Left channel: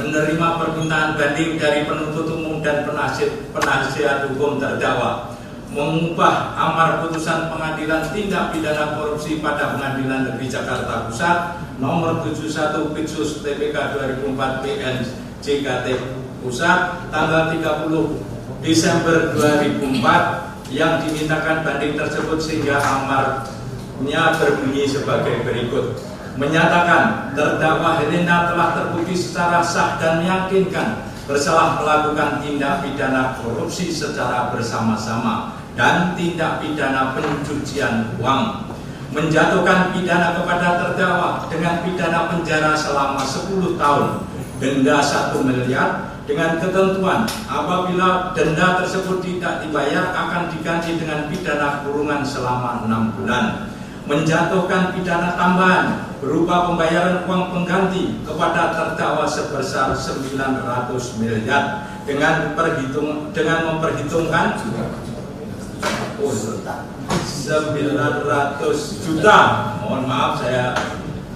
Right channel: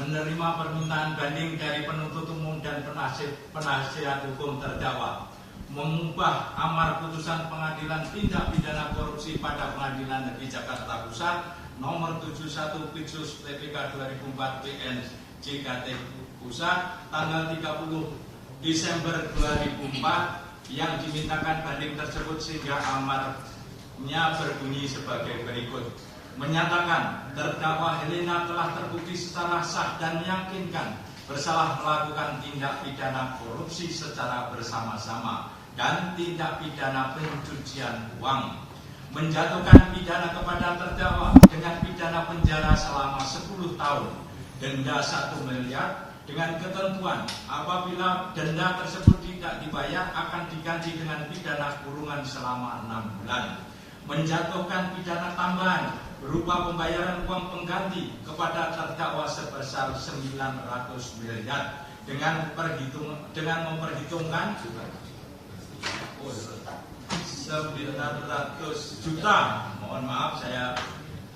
menerima permintaan banding dari penuntut umum dan penasihat hukum terdakwa, mengubah amar putusan Pengadilan Tindak Pidana Korupsi pada Pengadilan Negeri Jakarta Pusat nomor 71 Pitsus TPK 2004 PN JKT Pusat tanggal 30 Desember 2004 yang dimintakan banding tersebut, sehingga amarnya berbunyi sebagai berikut. Menyatakan terdakwa Helena telah terbukti secara sah dan meyakinkan bersalah melakukan tindak pidana korupsi secara bersama-sama dan tindak pidana pencucian uang, menjatuhkan pidana kepada terdakwa dengan pidana penjara selama 10 tahun, denda 1 miliar, dengan ketentuan apabila denda tersebut tidak dibayar akan diganti dengan pidana kurungan selama 6 bulan, menjatuhkan pidana tambahan berupa pembayaran uang pengganti kepada terdakwa sebesar 900 miliar dengan memperhitungkan 900 juta, mohon maaf saya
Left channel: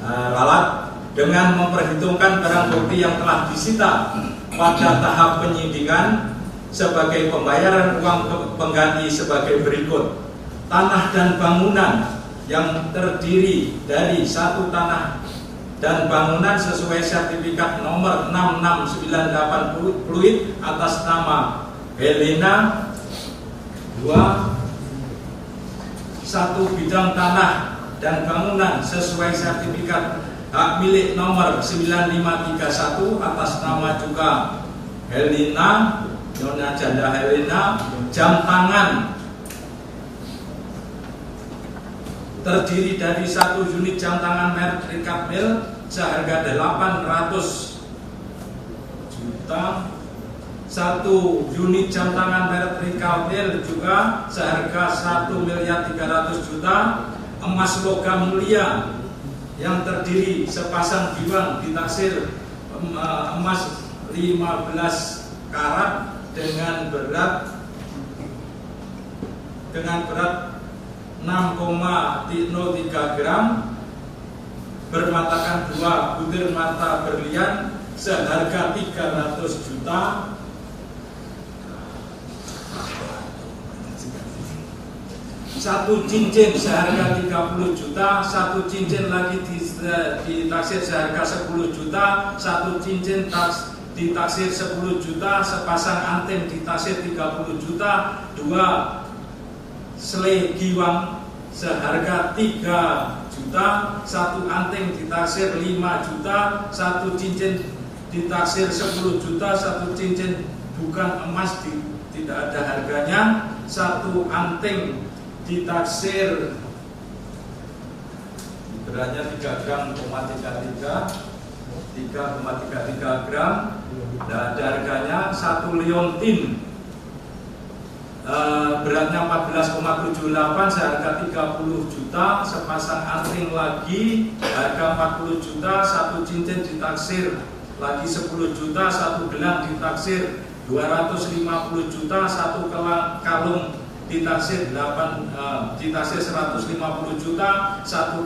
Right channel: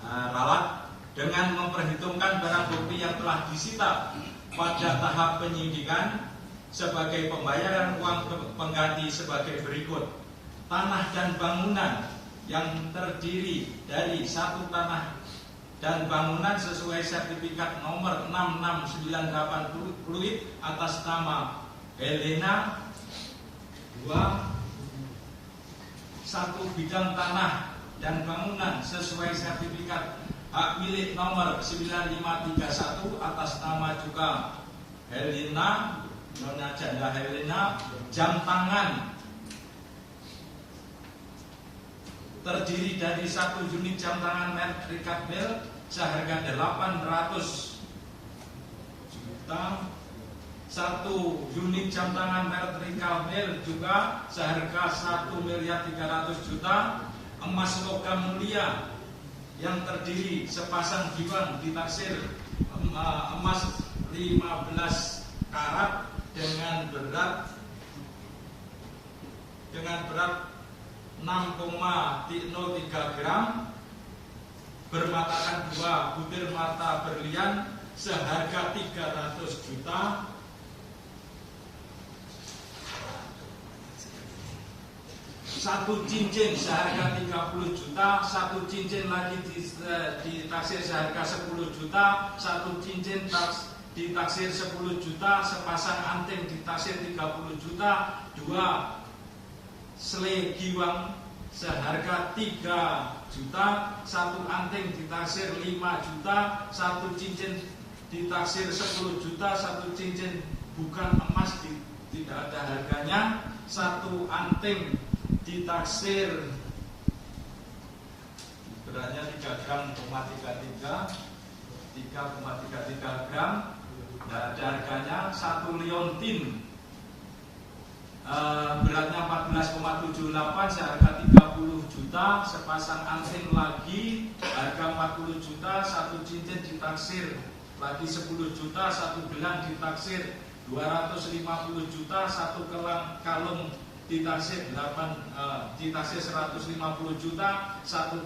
ralat, dengan memperhitungkan barang bukti yang telah disita pada tahap penyidikan sebagai pembayaran uang pengganti sebagai berikut. Tanah dan bangunan yang terdiri dari satu tanah dan bangunan sesuai sertifikat nomor 6698 Pluit atas nama Helena. 2. Satu bidang tanah dan bangunan sesuai sertifikat hak milik nomor 9531 atas nama juga Helena, Nyonya Janda Helena. Jam tangan terdiri dari satu unit jam tangan merek Rikat Mil seharga 800 juta, satu unit jam tangan merek Rikat Mil juga seharga 1.300.000.000, emas logam mulia yang terdiri sepasang giwang ditaksir emas 15 karat dengan berat 6,03 gram, bermatakan 2 butir mata berlian seharga 300 juta, satu cincin seharga 30 juta, satu cincin lagi ditaksir seharga 10 juta, satu cincin ditaksir 10 juta, sepasang anting ditaksir 30 juta, 2 selai giwang seharga 3 juta, satu anting ditaksir 5 juta, satu cincin ditaksir 10 juta, satu cincin bukan emas tidak ada harganya, satu anting ditaksir beratnya 3 gram, 3,33 gram, dan harganya. Satu liontin beratnya 14,78 seharga 30 juta, sepasang anting lagi harga 40 juta, satu cincin ditaksir lagi 10 juta, satu gelang ditaksir 250 juta, satu kalung ditaksir 150 juta, satu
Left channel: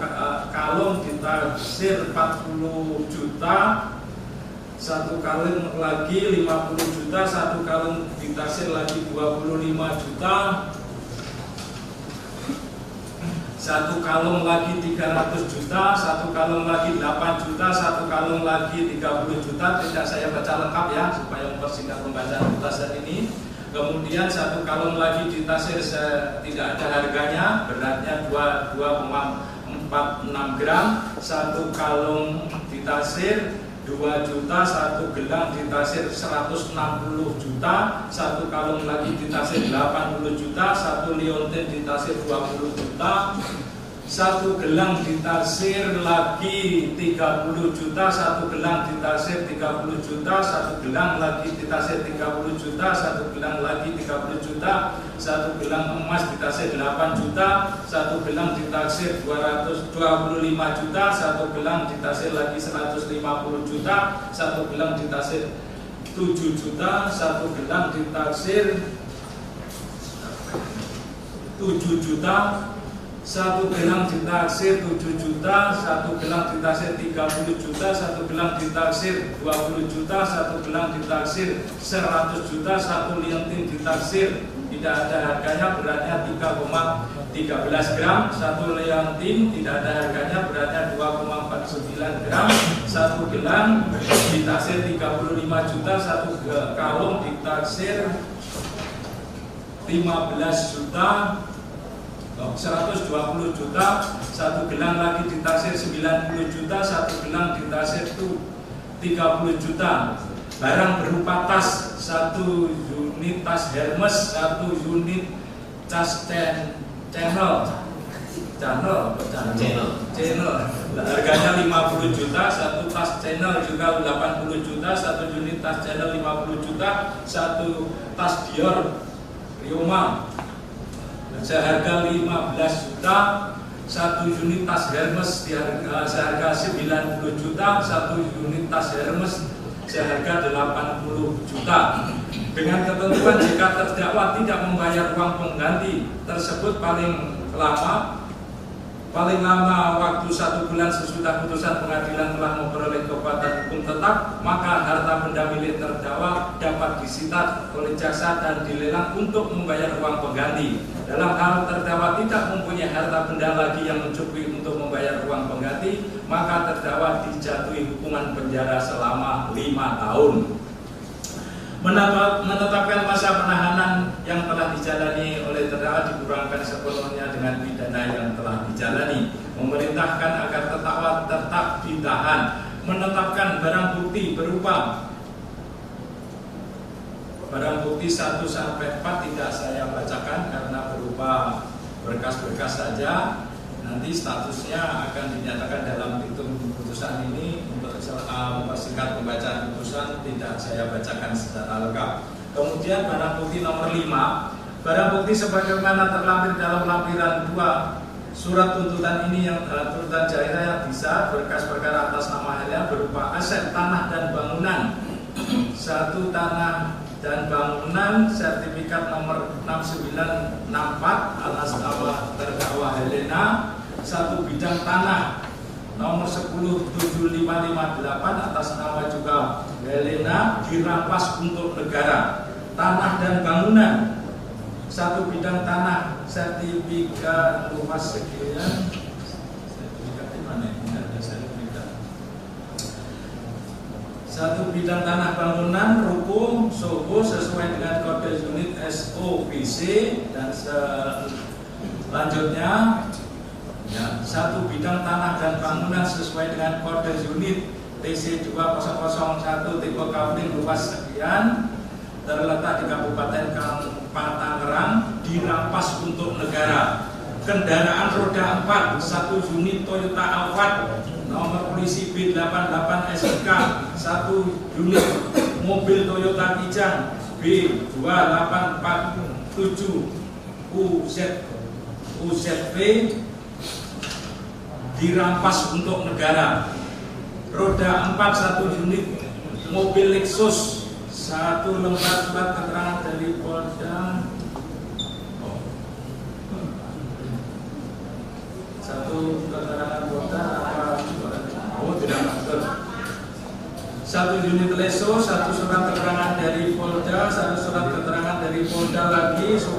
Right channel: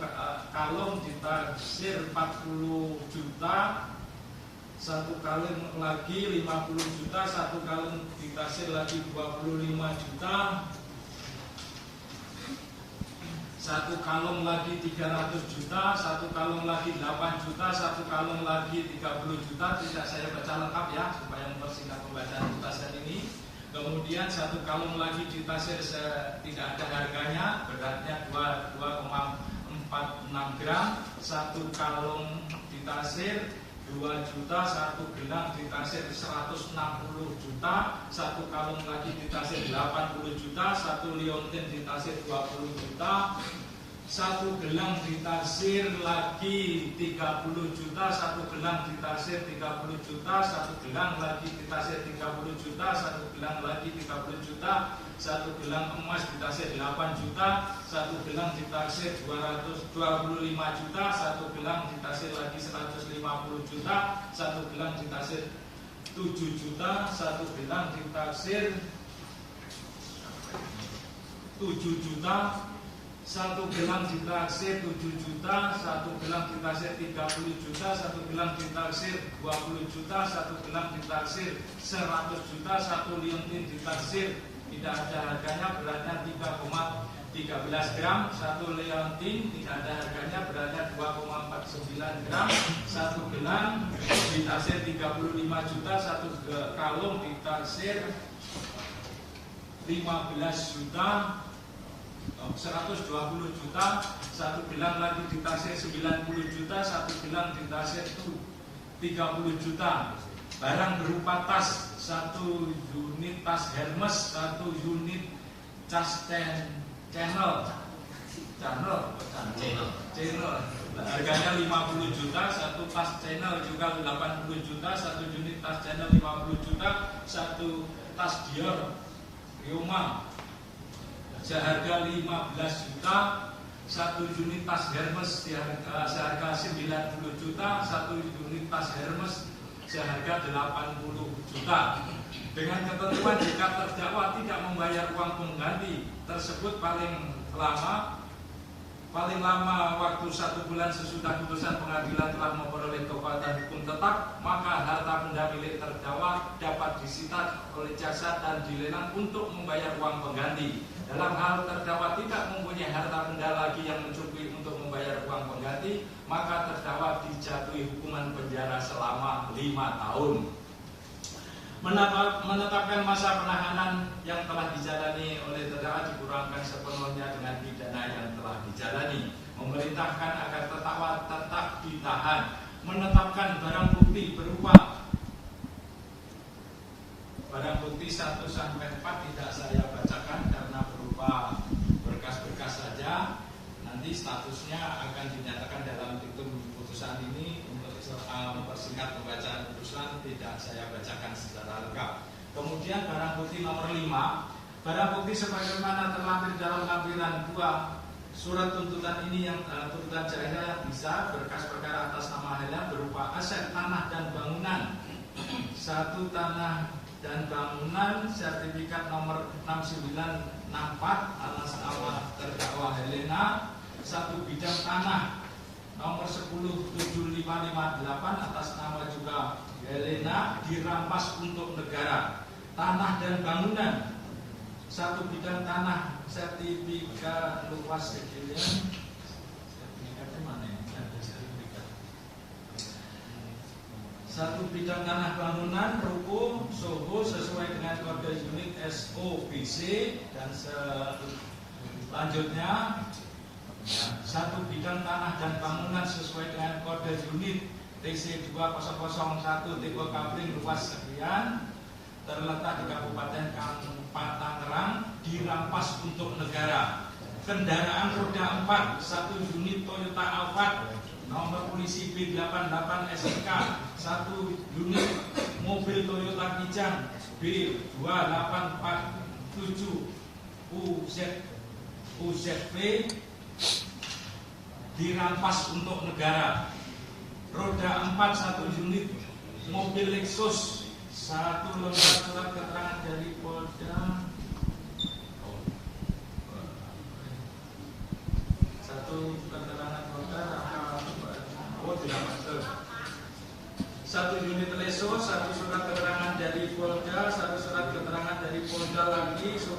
kalung ditaksir 40 juta, satu kalung lagi 50 juta, satu kalung ditaksir lagi 25 juta, satu kalung lagi 300 juta, satu kalung lagi 8 juta, satu kalung lagi 30 juta. Tidak saya baca lengkap ya supaya mempersingkat pembacaan putasan ini. Kemudian satu kalung lagi ditaksir tidak ada harganya, beratnya 2,46 gram, satu kalung ditaksir 2 juta, satu gelang ditaksir 160 juta, satu kalung lagi ditaksir 80 juta, satu liontin ditaksir 20 juta, satu gelang ditaksir lagi 30 juta, satu gelang ditaksir 30 juta, satu gelang lagi ditaksir 30 juta, satu gelang lagi 30 juta, satu gelang emas ditaksir 8 juta, satu gelang ditaksir 225 juta, satu gelang ditaksir lagi 150 juta, satu gelang ditaksir 7 juta, satu gelang ditaksir 7 juta, satu gelang ditaksir 7 juta, satu gelang ditaksir 30 juta, satu gelang ditaksir 20 juta, satu gelang ditaksir 100 juta, satu liontin ditaksir tidak ada harganya, beratnya 3,13 gram, satu liontin tidak ada harganya, beratnya 2,49 gram, satu gelang ditaksir 35 juta, satu kalung ditaksir 15 juta, 120 juta, satu gelang lagi ditaksir 90 juta, satu gelang ditaksir 30 juta. Barang berupa tas, satu unit tas Hermes, satu unit tas channel, harganya 50 juta, satu tas channel juga 80 juta, satu unit tas channel 50 juta, satu tas Dior Rioma seharga 15 juta, satu unit tas Hermes seharga 90 juta, satu unit tas Hermes seharga 80 juta. Dengan ketentuan jika terdakwa tidak membayar uang pengganti tersebut paling lama waktu 1 bulan sesudah putusan pengadilan telah memperoleh kekuatan hukum tetap, maka harta benda milik terdakwa dapat disita oleh jaksa dan dilelang untuk membayar uang pengganti. Dalam hal terdakwa tidak mempunyai harta benda lagi yang mencukupi untuk membayar uang pengganti, maka terdakwa dijatuhi hukuman penjara selama 5 tahun. Menetapkan masa penahanan yang telah dijalani oleh terdakwa dikurangkan sepenuhnya dengan pidana yang telah dijalani. Memerintahkan agar terdakwa tetap ditahan. Menetapkan barang bukti berupa barang bukti 1 sampai 4 tidak saya bacakan karena berupa berkas-berkas saja. Nanti statusnya akan dinyatakan dalam petitum putusan ini. Untuk mempersingkat pembacaan putusan tidak saya bacakan secara lengkap. Kemudian barang bukti nomor 5, barang bukti sebagaimana terlampir dalam lampiran 2 surat tuntutan ini yang tuntutan jaya bisa berkas perkara atas nama Helia berupa aset tanah dan bangunan, 1 tanah dan bangunan, sertifikat nomor 6964 atas nama terdakwa Helena, 1 bidang tanah nomor 107558 atas nama juga Helena dirampas untuk negara. Tanah dan bangunan, 1 bidang tanah, sertifikat luas sekian, sertifikatnya mana ya? Sertifikat 1 bidang tanah bangunan ruko Soho sesuai dengan kode unit SOBC, dan selanjutnya 1 bidang tanah dan bangunan sesuai dengan kode unit TC 2001 tipe Kapling luas sekian, terletak di Kabupaten Tangerang, dirampas untuk negara. Kendaraan roda 4, 1 unit Toyota Alphard nomor polisi B88 SK, 1 unit mobil Toyota Kijang B2847 UZV dirampas untuk negara. Roda 4, 1 unit mobil Lexus, 1 lembar surat keterangan dari Polda, 1 keterangan Polda, 1 unit Lexus, 1 surat keterangan dari Polda, 1 surat keterangan dari Polda lagi, 1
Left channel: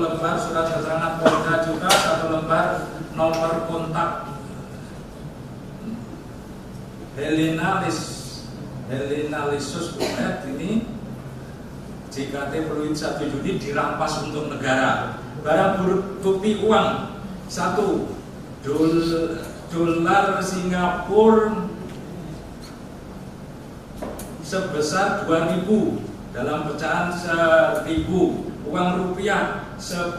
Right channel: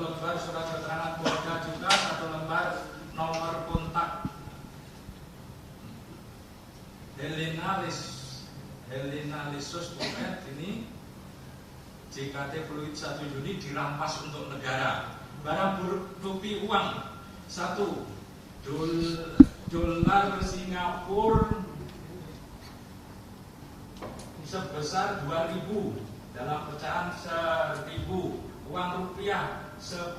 lembar surat keterangan Polda juga, 1 lembar nomor kontak Helena Lexus ini JKT Fluid 1 Juni dirampas untuk negara. Barang bukti uang 1 dolar Singapura sebesar 2.000 dalam pecahan 1.000, uang rupiah 10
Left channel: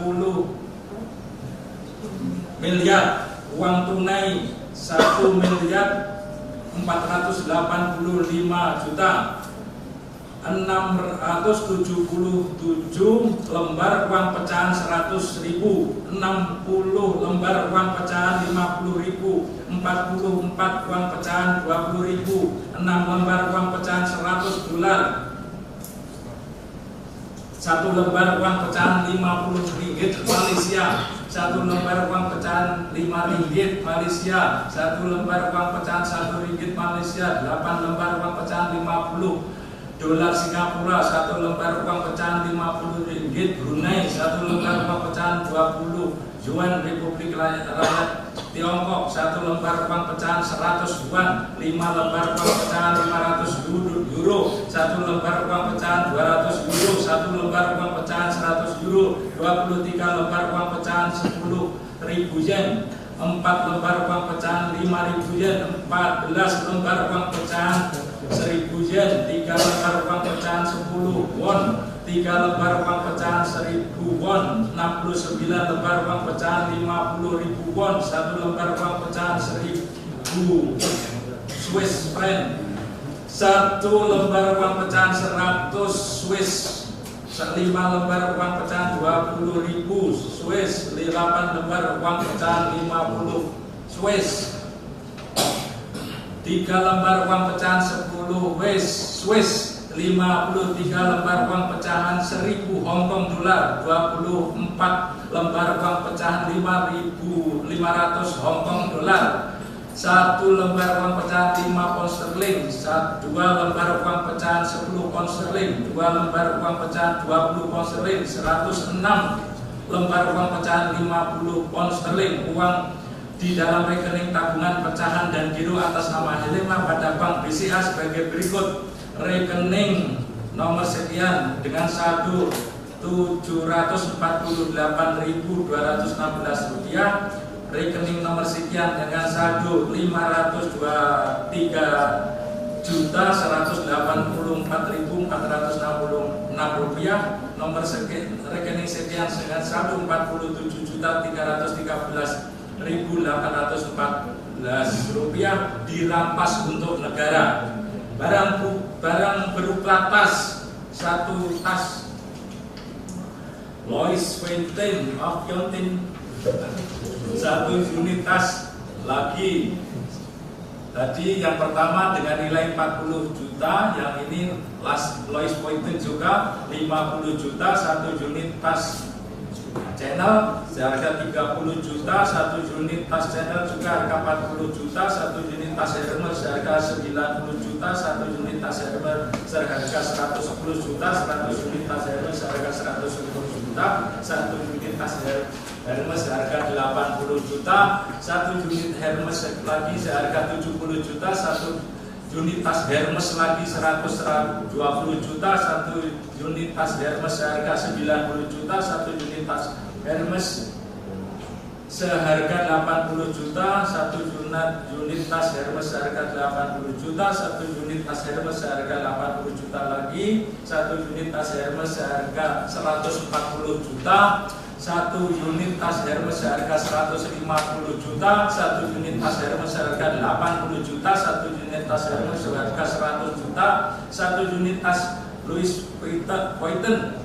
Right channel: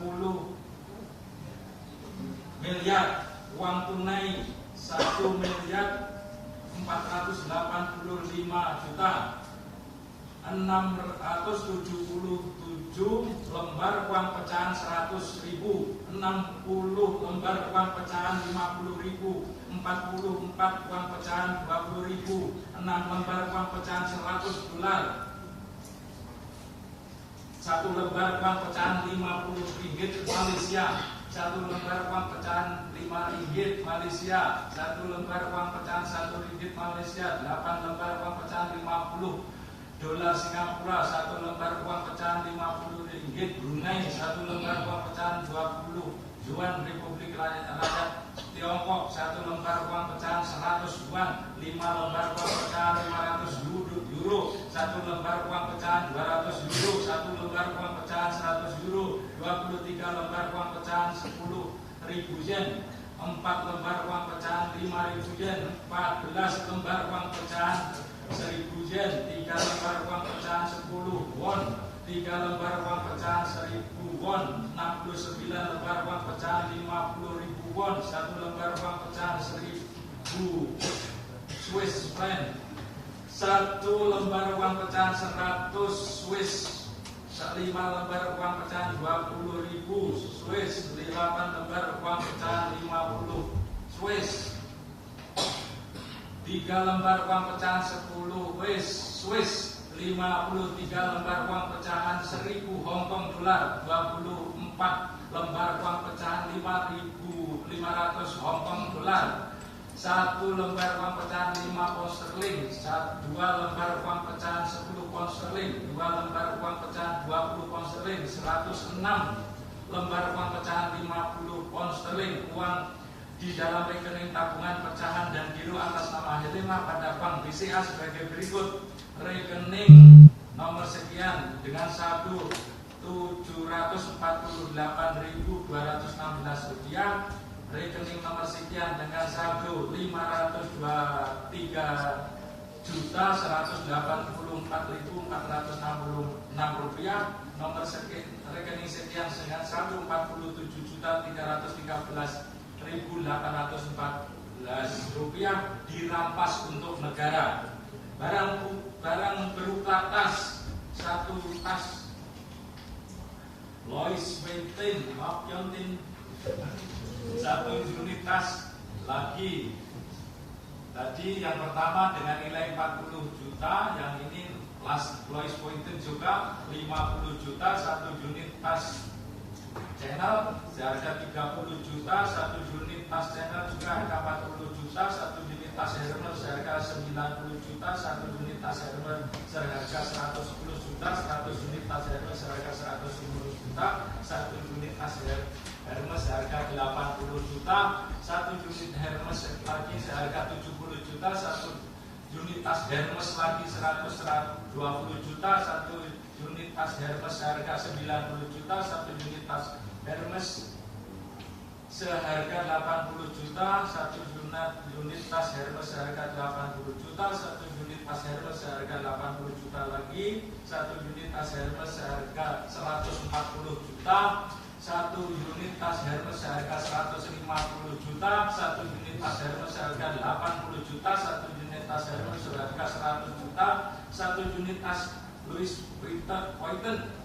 miliar, uang tunai 1.485 juta, 677 lembar uang pecahan 100.000, 60 lembar uang pecahan 50.000, 44 uang pecahan 20.000, 6 lembar uang pecahan 100 dolar, 1 lembar uang pecahan 50 ringgit Malaysia, 1 lembar uang pecahan 5 ringgit Malaysia, 1 lembar uang pecahan 1 ringgit Malaysia, 8 lembar uang pecahan 50 dolar Singapura, 1 lembar uang pecahan 50 ringgit Brunei, 1 lembar uang pecahan 20 Yuan Republik Rakyat Tiongkok, 1 lembar uang pecahan 100 yuan, 5 lembar uang pecahan 500 euro, 1 lembar uang pecahan 200 euro, 1 lembar uang pecahan 100 euro, 23 lembar uang pecahan 10.000 yen, 4 lembar uang pecahan 5.000 yen, 14 lembar uang pecahan 1.000 yen, 3 lembar uang pecahan 10 won, 3 lembar uang pecahan 1.000 won, 69 lembar uang pecahan 50.000 won, 1 lembar uang pecahan 1.000 Swiss franc, 1 lembar uang pecahan 100 Swiss, 5 lembar uang pecahan 20.000 Swiss, 8 lembar uang pecahan 50 Swiss, 3 lembar uang pecahan 10 Swiss, 53 lembar uang pecahan 1.000 Hong Kong dolar, 24 lembar uang pecahan 5.500 Hong Kong dolar, 1 lembar uang pecahan 5 pound sterling, 2 lembar uang pecahan 10 pound sterling, 2 lembar uang pecahan 20 pound sterling, 106 lembar uang pecahan 50 pound sterling, uang di dalam rekening tabungan pecahan dan giro atas nama Helena pada Bank BCA sebagai berikut. Rekening nomor sekian dengan saldo Rp748.216, rekening nomor sekian dengan saldo Rp502.184.466, nomor rekening sekian dengan saldo Rp47.314.814 dirampas untuk negara. Barang berupa tas, 1 tas Louis Vuitton of Yontin, 1 unit tas lagi. Tadi yang pertama dengan nilai 40 juta, yang ini Louis Vuitton juga 50 juta, 1 unit tas Chanel seharga 30 juta, 1 unit tas Chanel juga harga 40 juta, 1 unit tas Hermes seharga 90 juta, 1 unit tas Hermes seharga 110 juta, 1 unit tas Hermes seharga 110 juta, 1 unit tas Hermes seharga 80 juta, 1 unit Hermes lagi seharga 70 juta, 1 unit tas Hermes lagi 120 juta, 1 unit tas Hermes seharga 90 juta, 1 unit tas Hermes seharga 80 juta, 1 unit tas Hermes seharga 80 juta, 1 unit tas Hermes seharga 80 juta lagi, 1 unit tas Hermes seharga 140 juta, 1 unit tas Hermes seharga 150 juta, 1 unit tas Hermes seharga 80 juta, 1 unit tas Hermes seharga 100 juta, 1 unit tas Louis Vuitton 20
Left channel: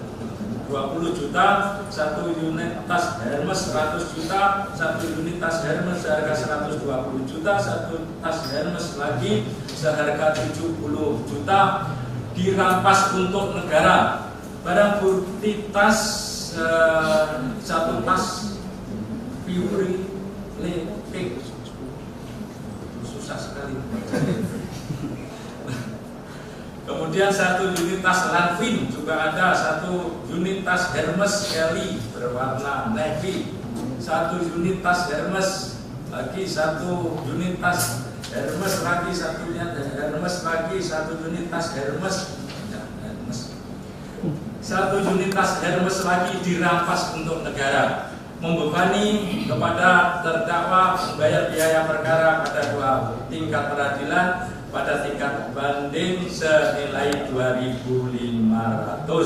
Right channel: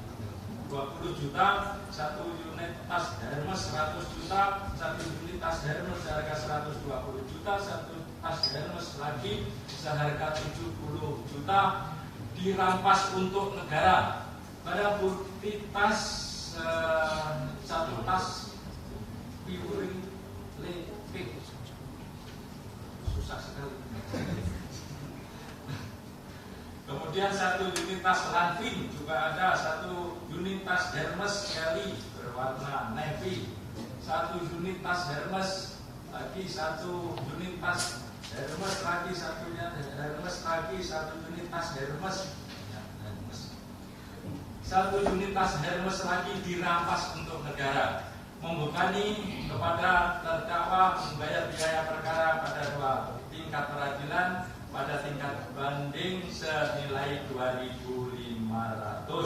juta, 1 unit tas Hermes 100 juta, 1 unit tas Hermes seharga 120 juta, 1 tas Hermes lagi seharga 70 juta dirampas untuk negara. Barang bukti tas, 1 tas Puri Lepik, susah sekali. Kemudian 1 unit tas Lanvin juga ada, 1 unit tas Hermes Kelly berwarna navy, 1 unit tas Hermes lagi, 1 unit tas Hermes lagi, 1 unit Hermes lagi, 1 unit tas Hermes, 1 unit tas Hermes lagi dirampas untuk negara, membebani kepada terdakwa membayar biaya perkara pada 2 tingkat peradilan pada tingkat banding senilai Rp2.500.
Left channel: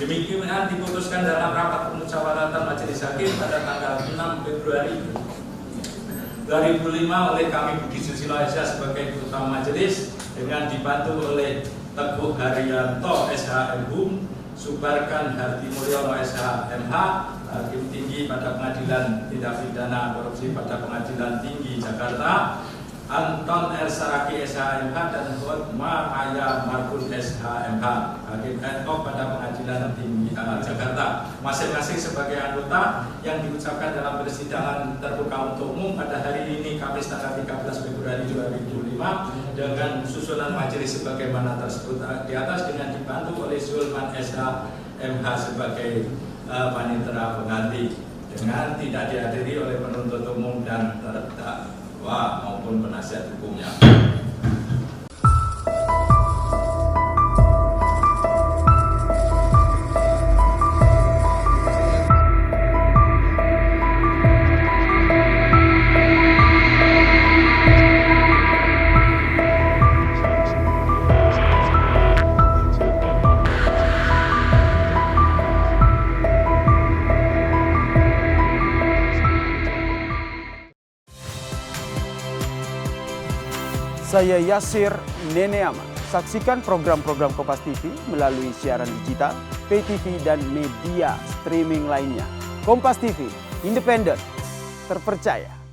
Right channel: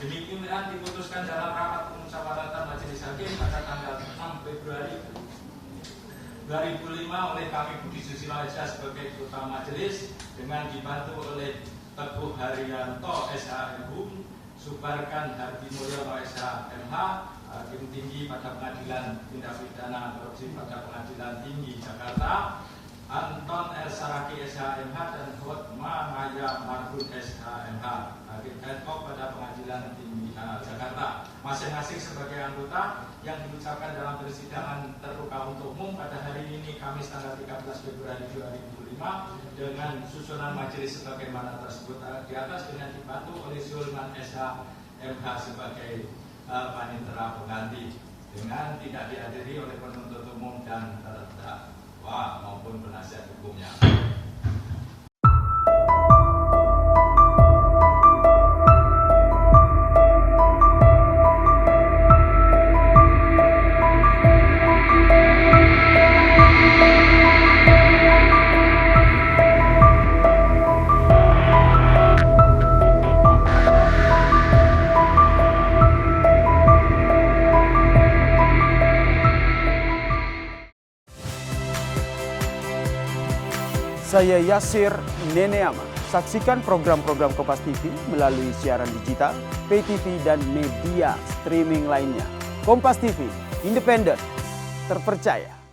Demikian diputuskan dalam rapat pemusyawaratan majelis hakim pada tanggal 6 Februari 2005 oleh kami Budi Susilo SH sebagai ketua majelis dengan dibantu oleh Teguh Haryanto SH.M.Hum, Subarkan Hartimulyono SH.M.H, Hakim Tinggi pada Pengadilan Tindak Pidana Korupsi pada Pengadilan Tinggi Jakarta, Anton R. Saraki SHMH dan Hotma Aya Margun SHMH, Hakim ad hoc pada Pengadilan Tinggi Jakarta, masing-masing sebagai anggota yang diucapkan dalam persidangan terbuka untuk umum pada hari ini Kamis tanggal 13 Februari 2005 dengan susunan majelis sebagaimana tersebut di atas, dengan dibantu oleh Zulman SHMH sebagai panitera pengganti, dengan tidak dihadiri oleh penuntut umum dan terdakwa maupun penasihat hukumnya. Saya Yasir Neneama. Saksikan program-program Kompas TV melalui siaran digital, pay TV, dan media streaming lainnya. Kompas TV, independen, terpercaya.